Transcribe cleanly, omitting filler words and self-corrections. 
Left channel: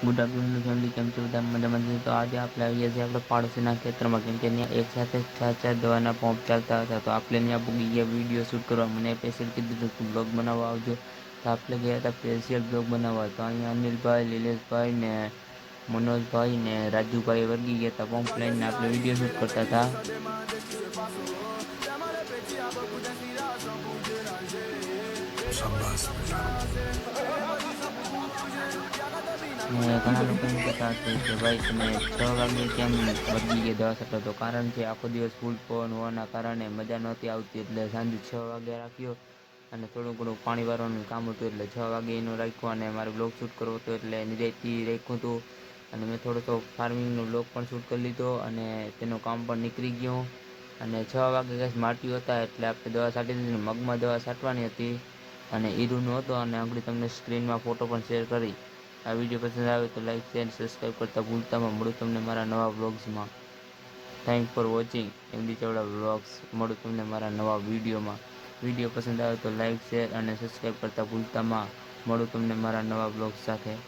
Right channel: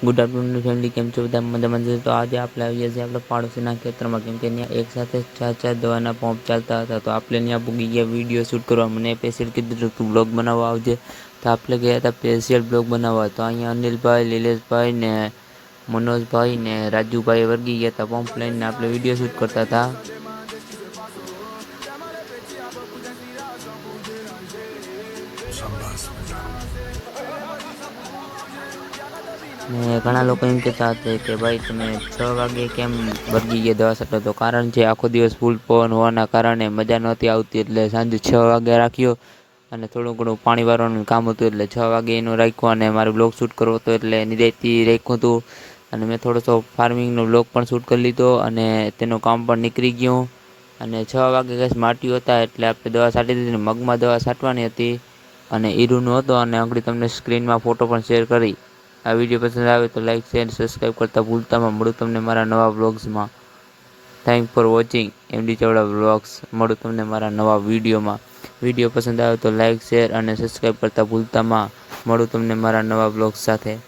Good afternoon family, કેમ છો બધા? મજામાં છે? તો આજે આપણે આવીએ છીએ આપણે પાડોશીના ખેતરમાં, કેમ કે ત્યાં એક સાથે ચાર દવાના પંપ ચાલતા હતા. તો આપણે ત્યાં પૂગી ગયા વિડીયો શૂટ કરવા. મને સ્પેશિયલ કીધું તું બ્લોગ બનાવવા આવજે, તો આપણે ગયા હતા સ્પેશિયલ બ્લોગ બનાવવા. તો અહીંયા અનિલભાઈ, નિલેશભાઈ ને મનોજભાઈ ને રાજુભાઈ વર્ગી ગયા હતા પંપ લઈને. આપણે વિડીયો શૂટ કરતા હતા. ને ઘણા લોકો એમ કહેતા હતા કે ભાઈ તમે 6 વાગે કેમ વર્ગી ગયા દવા છાંટો? તો કારણ છે આખો દિવસ ફૂલ પવન હોવાના કારણે મજા નહોતી આવતી, એટલે સાંજે 6 વાગે રાખ્યો. અને થોડું ઘણું પાણી વારવાનું કામ હતું એટલે 6 વાગે એનું રાખ્યું. અને મારે બ્લોગ શૂટ કરવો હતો એટલે નિરાંતથી રાખ્યું હતું. અને મેં થોડોસો ફાર્મિંગનો બ્લોગ પણ શૂટ કરી લીધો અને તેનું કામ પણ નીકળી ગયું. અને 6 વાગે ગેસ માટ્યું હતા એટલે આપણે દવા છાંટી દીધી. મગમાં દવા છાંટવાની હતી અને ઈરુનો હતો. અને આગળ તમને સ્ક્રીનમાં ફોટો પણ શેર કરી. આ વિડીયો પસંદ આવે તો લાઈક, શેર, સબસ્ક્રાઈબ કરતા ભૂલતામાં. મળું તમને મારા નવા બ્લોગ્સમાં. Thank for watching MD Chavda blogs. મળું તમને મારા નવા વિડીયોમાં. વિડીયો પસંદ આવે તો લાઈક, શેર અને સબસ્ક્રાઈબ કરતા ભૂલતામાં. મળું તમને મારા નવા બ્લોગ્સ સાથે.